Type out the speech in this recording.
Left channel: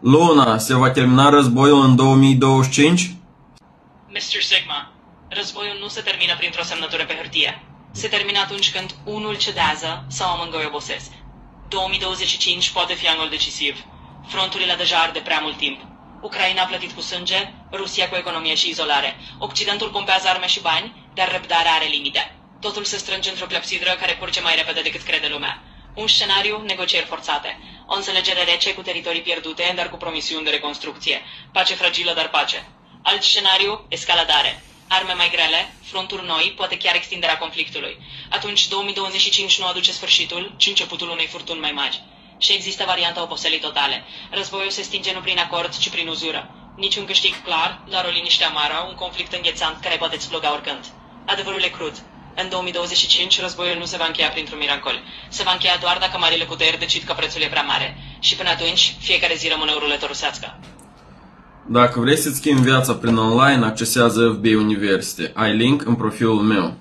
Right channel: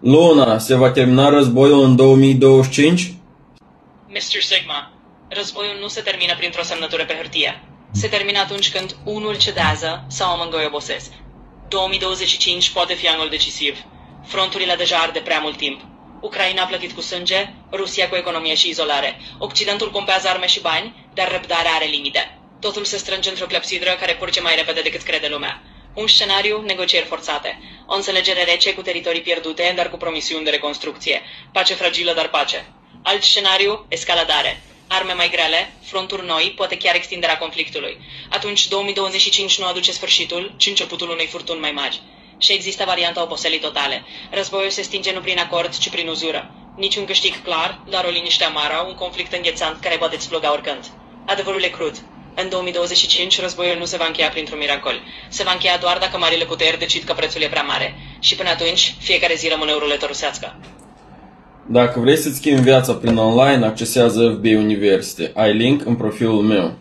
Luna, se va termina războiul în 2025? Mr. Sigma, războiul nu se termină printr-o semnătură pe hârtie. Se termină atunci când unul cedează sau amândoi obosesc. 2025 poate fi anul decisiv. Fronturile deja ard de prea mult timp. Ucraina a plătit cu sânge, Rusia cu economie și izolare. Occidentul pompează arme și bani, dar răbdarea are limite. Totul se strânge într-o clepsidră care curge mai repede decât crede lumea. Un scenariu, negocieri forțate. O înțelegere rece cu teritorii pierdute, dar cu promisiuni de reconstrucție. Pace fragilă, dar pace. Alt scenariu, escaladare. Arme mai grele, fronturi noi, poate chiar extinderea conflictului. Atunci 2025 nu aduce sfârșitul, ci începutul unei furtuni mai mari. Și există varianta oboselii totale. Războiul se stinge nu prin acord, ci prin uzură. Niciun câștig clar, dar o liniște amară, un conflict înghețant care poate exploda oricând. Adevărul e crud. În 2025 războiul nu se va încheia printr-un miracol. Se va încheia doar dacă marile puteri decid că prețul e prea mare. Și până atunci, fiecare zi rămâne o ruletă rusească. Dacă vrei să-ți schimbi viața prin online, accesează FB University. Ai link în profilul meu.